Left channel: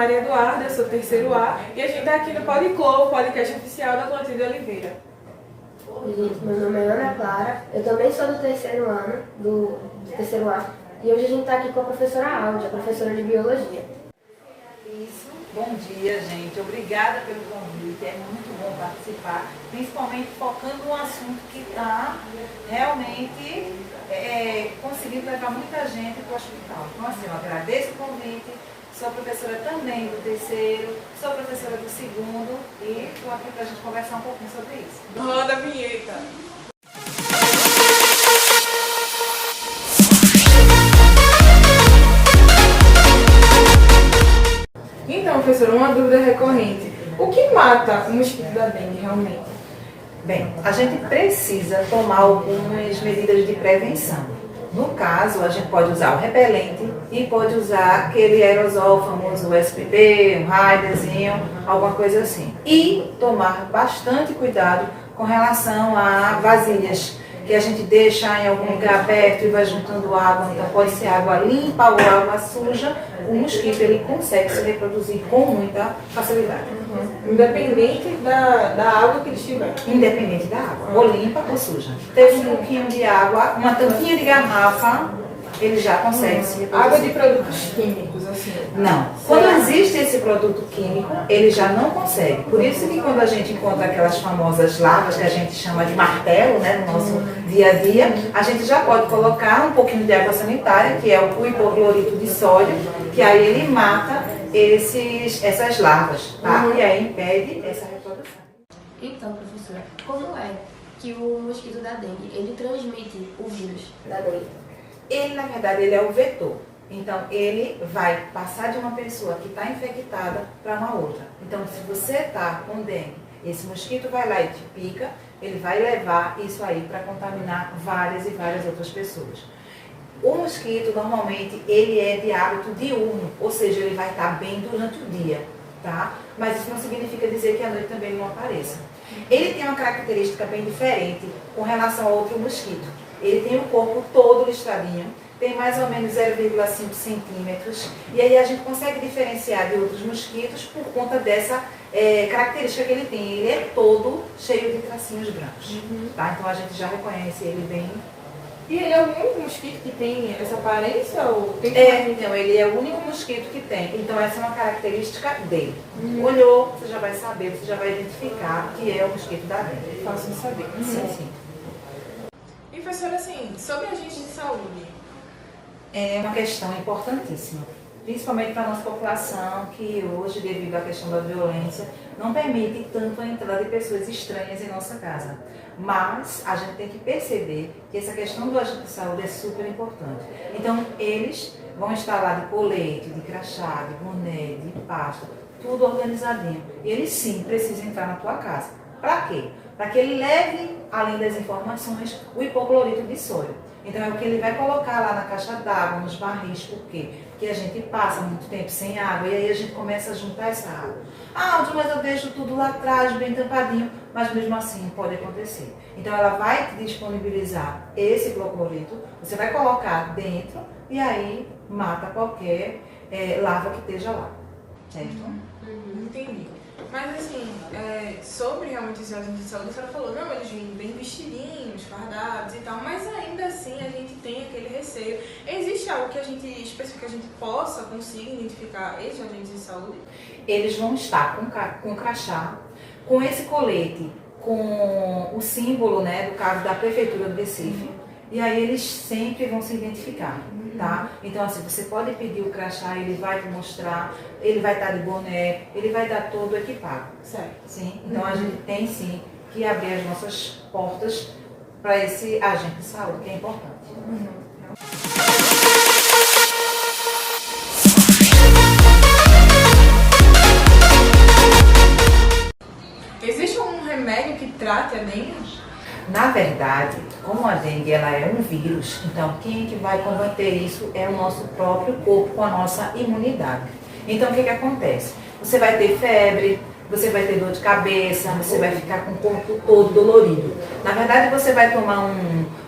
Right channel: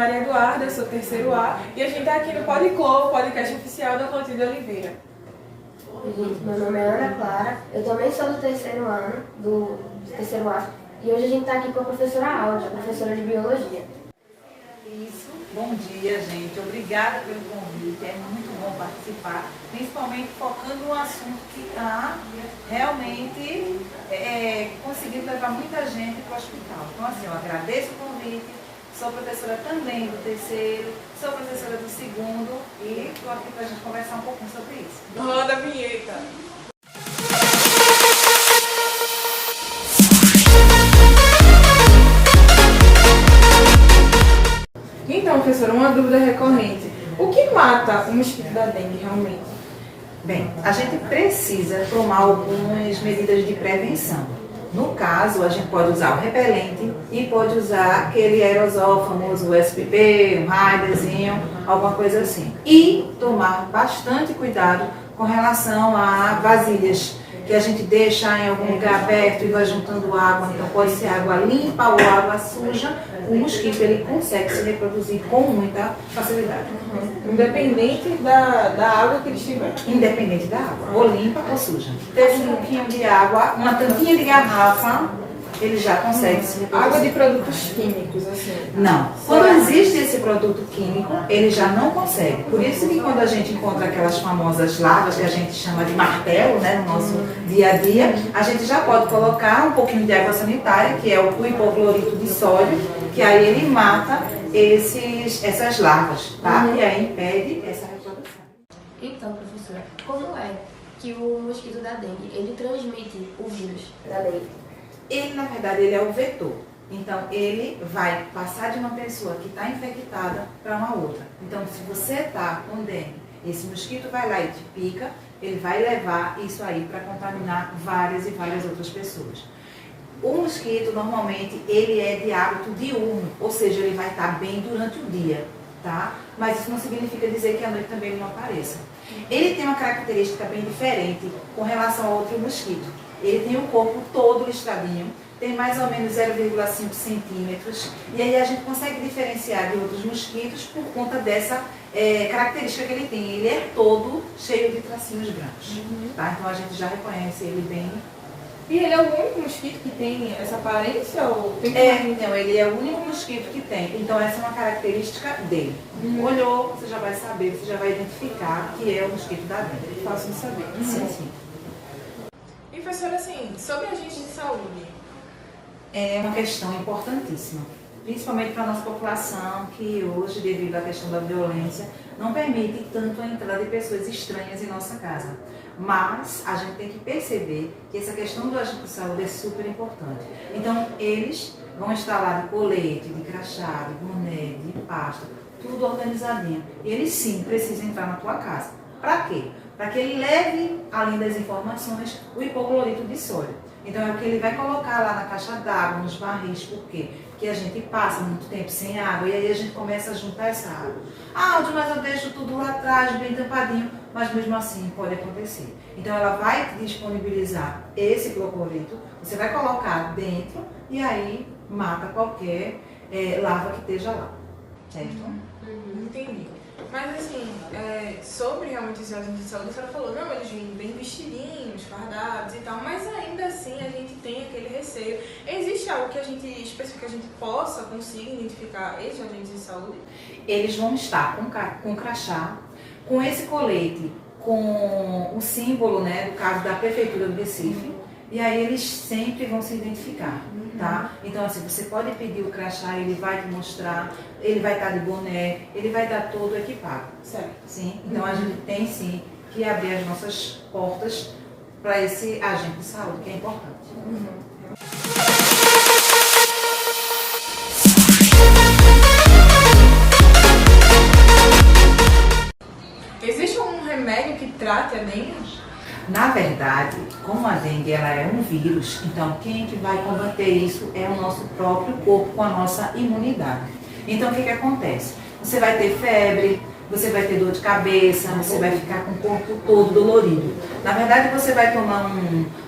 Maria Eduarda, eu sou terceiro A, e a gente está aqui no Podclo, o podcast oficial da Clotilde Oliveira. Oi, gente, meu nome é Ana Clara, eu também sou do terceiro ano, do terceiro A, e hoje a gente está aqui com a professora Áudia, professora de Biologia. Isso, bom dia, gente. Obrigada pelo convite, é muito bom participar, principalmente focando no assunto que está realmente conseguindo levar muita gente para o hospital. Então, assim, eu agradeço o convite, sou professora também do terceiro, sou professora do segundo e estou aqui para a gente conversar um pouquinho sobre isso. Roda a vinheta! Então, professora, uma dúvida recorrente. O que mata o mosquito da dengue realmente? Bem, a gente precisa tomar algumas medidas de prevenção. No caso, a gente pode usar o repelente e pode usar aquele aerosol famoso, o SPP, um raiderzinho, alguma coisa assim. E tomar bastante cuidado com relação a vasilhas que a gente deixa em algum lugar aberto e vai juntando água, então pode ser água limpa ou água suja, o mosquito ele consegue se reproduzir com muita facilidade. Independente da água que ele estiver. Independente da água, ou limpa ou suja. Teve um pouquinho de água, uma tampinha de garrafa, ele já consegue se reproduzir. Água de produtos químicos, assim? Não. Quando existe esse produto químico, ele já não consegue. Por isso que quando a gente encontra aquelas famosas larvas que a gente chama de martelo, né, no nosso dia a dia, a gente já pode colocar um pouquinho de água sanitária, que é o hipoclorito de sódio, que aí ele mata essas larvas, tá? E aí impede essa reprodução. Então, professora, como é que o mosquito da dengue, ele transmite o vírus da dengue? Ele, na verdade, ele é o vetor. Então, ele vai passar de uma pessoa que está infectada para uma outra. Então, se você está com dengue, esse mosquito vai lá e te pica, ele vai levar isso aí para contaminar várias e várias outras pessoas. O mosquito, normalmente, ele é de hábito diurno, ou seja, ele vai estar bem durante o dia, tá? Mas isso não significa dizer que à noite também ele não apareça. Ele tem uma característica bem diferente com relação ao outro mosquito. Ele tem o corpo todo listradinho, tem mais ou menos 0,5 centímetros, e aí a gente consegue diferenciar de outros mosquitos por conta dessa característica que ele tem. Ele é todo cheio de tracinhos brancos, tá? Então a gente já reconhece ele bem. E ele é o único mosquito que tem essa aparência? Ou tem Não, ele é o único mosquito que tem. Então essa é uma característica dele. Olhou, você já vai saber, você já vai identificar que é o mosquito da dengue. Fácil de saber. Sim, sim. E, professora, assim, sobre agentes de saúde? É uma questão importantíssima, principalmente para a nossa população, que hoje, devido à questão da violência, não permite tanto a entrada de pessoas estranhas em nossa casa. Mas a gente tem que perceber que essa questão do agente de saúde é super importante. Então, eles vão estar lá de colete, de crachá, de boné, de pasta, tudo organizadinho. E eles sim precisam entrar na tua casa. Para quê? Para que ele leve, além das informações, o hipoclorito de sódio. Então é o que ele vai colocar lá na caixa d'água, nos barris. Por quê? Porque a gente passa muito tempo sem água e aí a gente começa a juntar essa água. Ah, mas eu deixo tudo lá atrás, bem tampadinho, mas mesmo assim pode acontecer. Então ela vai te disponibilizar esse hipoclorito, você vai colocar dentro e aí mata qualquer larva que esteja lá. Certo? Entendi. Mas assim, sobre realmente esse agente de saúde, a senhora falou, não, eles vêm bem vestidinhos, fardados e tal, mas ainda assim a gente tem aquele receio. Existe algo que a gente específico que a gente possa conseguir identificar esses agentes de saúde? Eles vão estar com crachá, com esse colete, com o símbolo, né, do caso da Prefeitura do Recife, e aí eles sempre vão se identificar, tá? Então, assim, você pode pedir o crachá, ele vai te mostrar, ele vai estar de boné, ele vai estar todo equipado. Certo. Sim? Então, a gente tem, sim, que abrir as nossas portas para esse agente de saúde, que é importante. Existe um remédio que trate a dengue? Na verdade, como a dengue ela é um vírus, então quem que vai combater isso é o nosso próprio corpo com a nossa imunidade. Então o que acontece? Você vai ter febre, você vai ter dor de cabeça, você vai ficar com o corpo todo dolorido. Na verdade, você vai tomar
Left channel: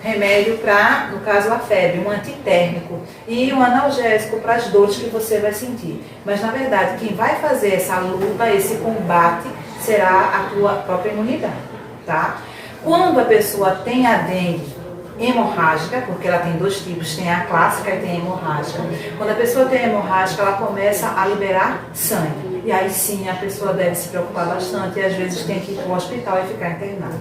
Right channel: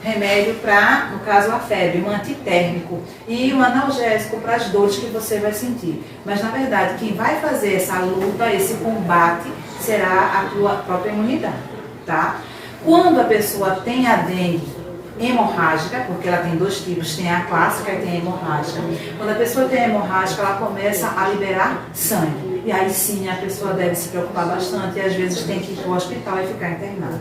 remédio para, no caso, a febre, um antitérmico e um analgésico para as dores que você vai sentir. Mas, na verdade, quem vai fazer essa luta, esse combate, será a tua própria imunidade, tá? Quando a pessoa tem a dengue hemorrágica, porque ela tem dois tipos, tem a clássica e tem a hemorrágica. Quando a pessoa tem a hemorrágica, ela começa a liberar sangue. E aí sim a pessoa deve se preocupar bastante e às vezes tem que ir para o hospital e ficar internada,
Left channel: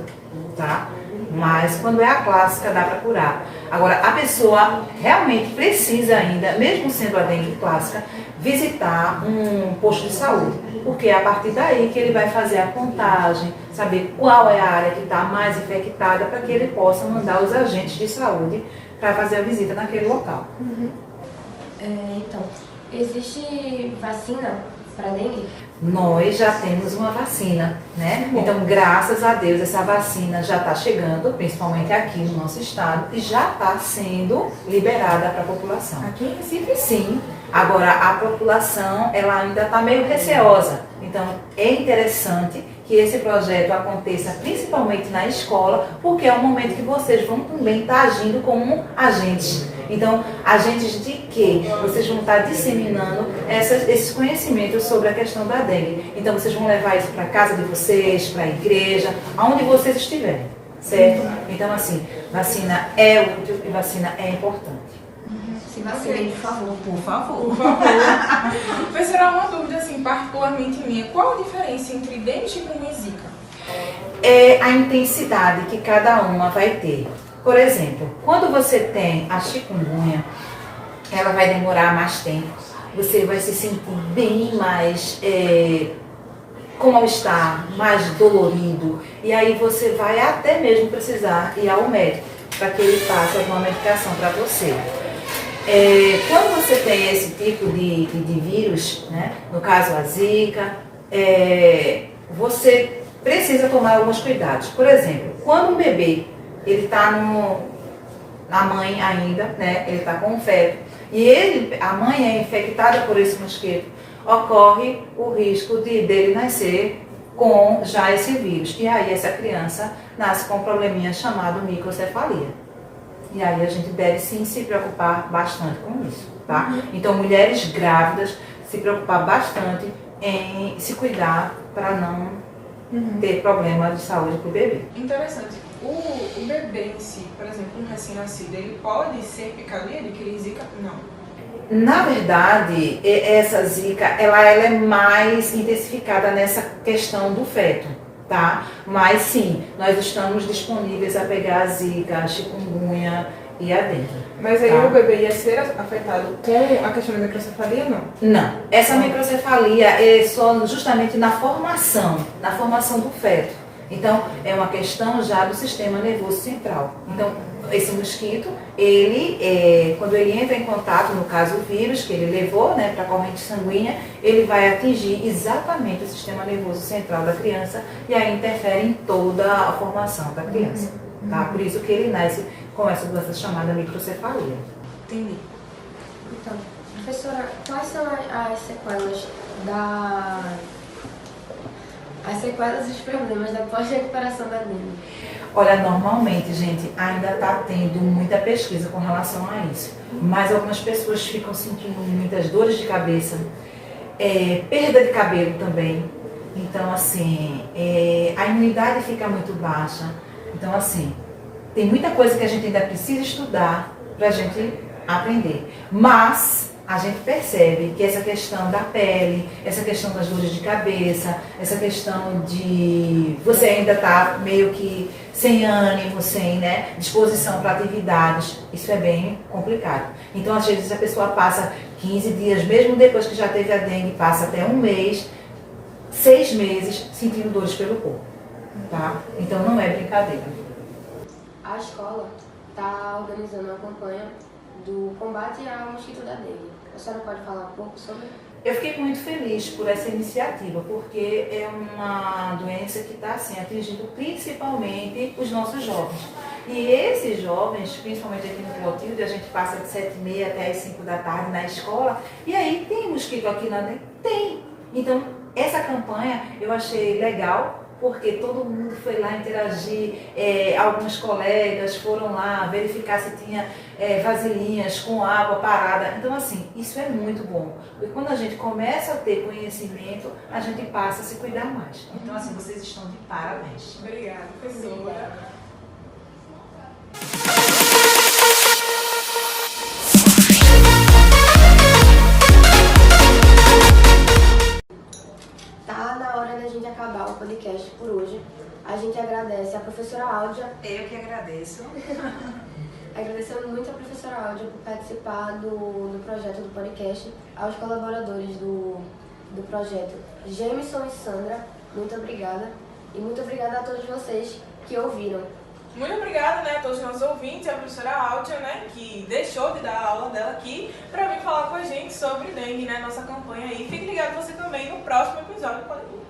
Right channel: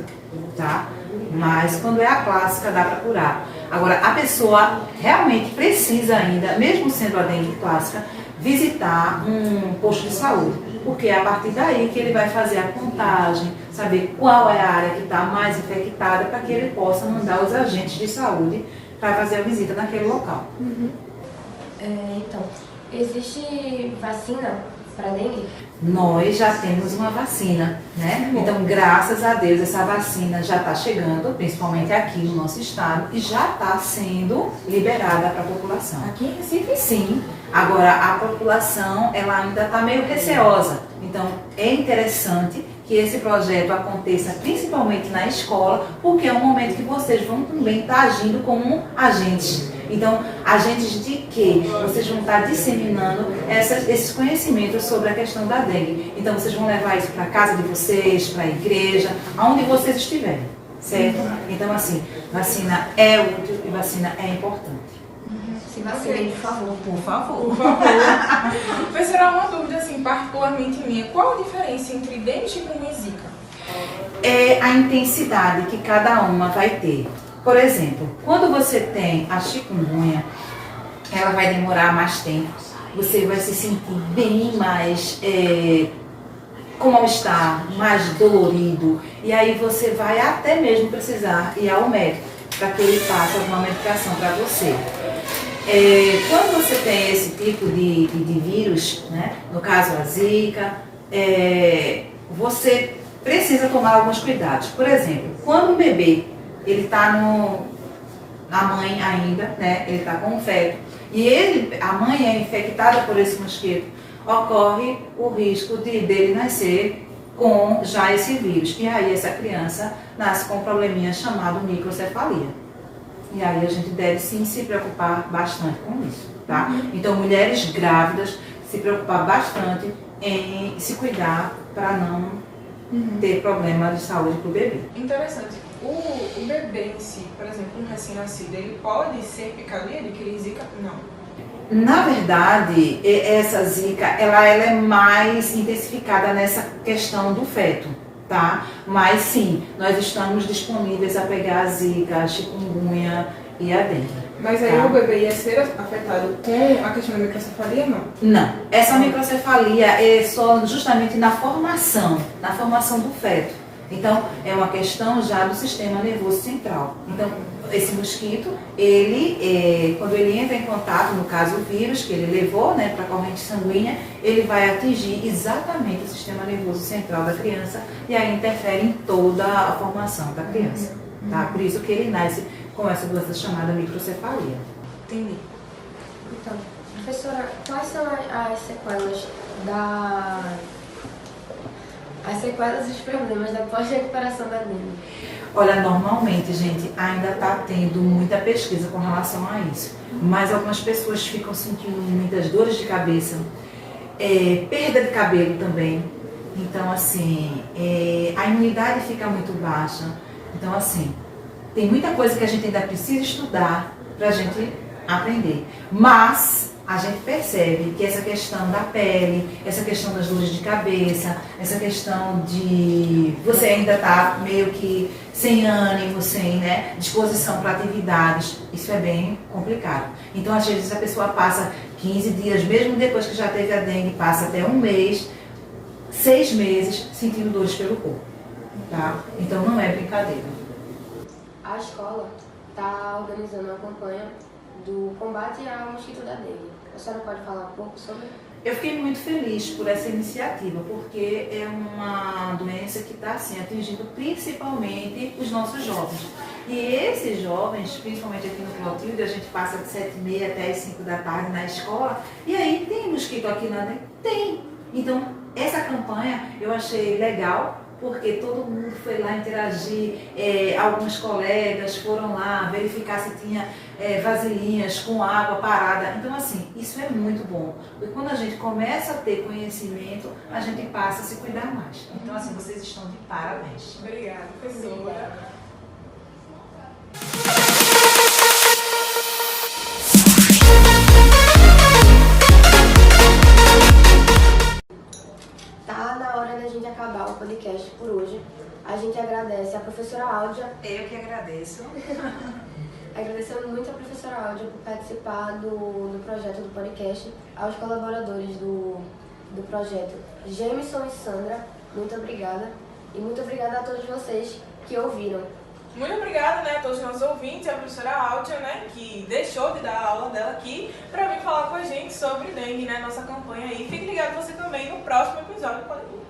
tá? Mas quando é a clássica, dá para curar. Agora, a pessoa realmente precisa ainda, mesmo sendo a dengue clássica, visitar um posto de saúde, porque é a partir daí que ele vai fazer a contagem, saber qual é a área que está mais infectada, para que ele possa mandar os agentes de saúde para fazer a visita naquele local. Então, existe vacina para dengue? Nós já temos uma vacina, né? Então, graças a Deus, essa vacina já está chegando, principalmente aqui no nosso estado, e já está sendo liberada para a população. Aqui em Recife, sim. Agora, a população, ela ainda está meio receosa. Então, é interessante que esse projeto aconteça principalmente na escola, porque é um momento que vocês vão também estar agindo como agentes. Então, agentes de quê? Vocês vão estar disseminando esses conhecimentos sobre a questão da dengue. Então, vocês vão levar isso para a casa de vocês, para a igreja, aonde vocês estiverem, certo? Então, assim, vacina é útil e vacina é importante. Se vacinem, por favor. Por favor. Por favor. Professora, uma dúvida, assim, particularmente minha. Qual a diferença entre dengue, chikungunya e zika? É a intensidade que cada uma vai ter. Por exemplo, quando você tem a chikungunya, ela vai demorar mais tempo. Você vai se sentir bem mais com mal-estar, mais dolorido. E aí você vai até mesmo precisar ir ao médico para que ele passe alguma medicação para você. Quando você tem esse tipo de vírus, né, no caso a zika, você precisa tomar alguns cuidados. Por exemplo, quando um bebê ele está na mãe ainda, né, ele está com febre, e a mãe é infectada por esse mosquito, ocorre o risco dele nascer com já esse vírus. E aí essa criança nasce com um probleminha chamado microcefalia. E aí a gente deve sim se preocupar bastante com isso, tá? Então, mulheres grávidas, se preocupar bastante em se cuidar para não ter problema de saúde para o bebê. Interessante. O bebê em si, por exemplo, um recém-nascido, ele pode ser picado e adquirir zika? Não. Na verdade, essa zika, ela é mais intensificada nessa questão do feto, tá? Mas sim, nós estamos disponíveis a pegar a zika, a chikungunya e a dengue. Mas aí tá? o bebê ia ser afetado com a questão da microcefalia, não? Não. Essa microcefalia é só justamente na formação do feto. Então, é uma questão já do sistema nervoso central. Então, esse mosquito, quando ele entra em contato, no caso o vírus que ele levou, né, para a corrente sanguínea, ele vai atingir exatamente o sistema nervoso central da criança e aí interfere em toda a formação da criança. Tá? Por isso que ele nasce com essa doença chamada microcefalia. Entendi. Então, professora, quais são as sequelas e os problemas da pós-recuperação da dengue? Olha, normalmente, gente, ainda está tendo muita pesquisa com relação a isso. Mas algumas pessoas ficam sentindo muitas dores de cabeça, perda de cabelo também. Então, assim, a imunidade fica muito baixa. Então, assim, tem muita coisa que a gente ainda precisa estudar para a gente aprender. Mas a gente percebe que essa questão da pele, essa questão das dores de cabeça, essa questão de você ainda estar meio que sem ânimo, sem, né, disposição para atividades, isso é bem complicado. Então, às vezes, a pessoa passa 15 dias, mesmo depois que já teve a dengue, passa até um mês, 6 meses, sentindo dores pelo corpo. Tá? Então, não é brincadeira. A escola está organizando uma campanha do combate ao mosquito da dengue. A senhora pode falar um pouco sobre? Eu fiquei muito feliz por essa iniciativa, porque é uma doença que está assim, atingindo principalmente os nossos jovens. E esses jovens, principalmente aqui no Clotilde, a gente passa de 7h30 até as 5 da tarde na escola, e aí tem mosquito aqui na dengue? Tem. Então, essa campanha eu achei legal, porque todo mundo foi lá interagir, alguns colegas foram lá verificar se tinha vasilhinhas com água parada. Então, assim, isso é muito bom, porque quando a gente começa a ter conhecimento, a gente passa a se cuidar mais. Então, assim, vocês estão de parabéns. Obrigada, professora. Tá na hora da gente acabar o podcast por hoje. A gente agradece a professora Áudia. Eu que agradeço. Agradecemos muito a professora Áudia por participar do projeto do podcast, aos colaboradores do projeto, Jameson e Sandra, muito obrigada. E muito obrigada a todos vocês que ouviram. Muito obrigada, né, a todos os nossos ouvintes e a professora Áudia, né, que deixou de dar a aula dela aqui para vir falar com a gente sobre dengue, né, nossa campanha aí. Fique ligado você também no próximo episódio do podcast.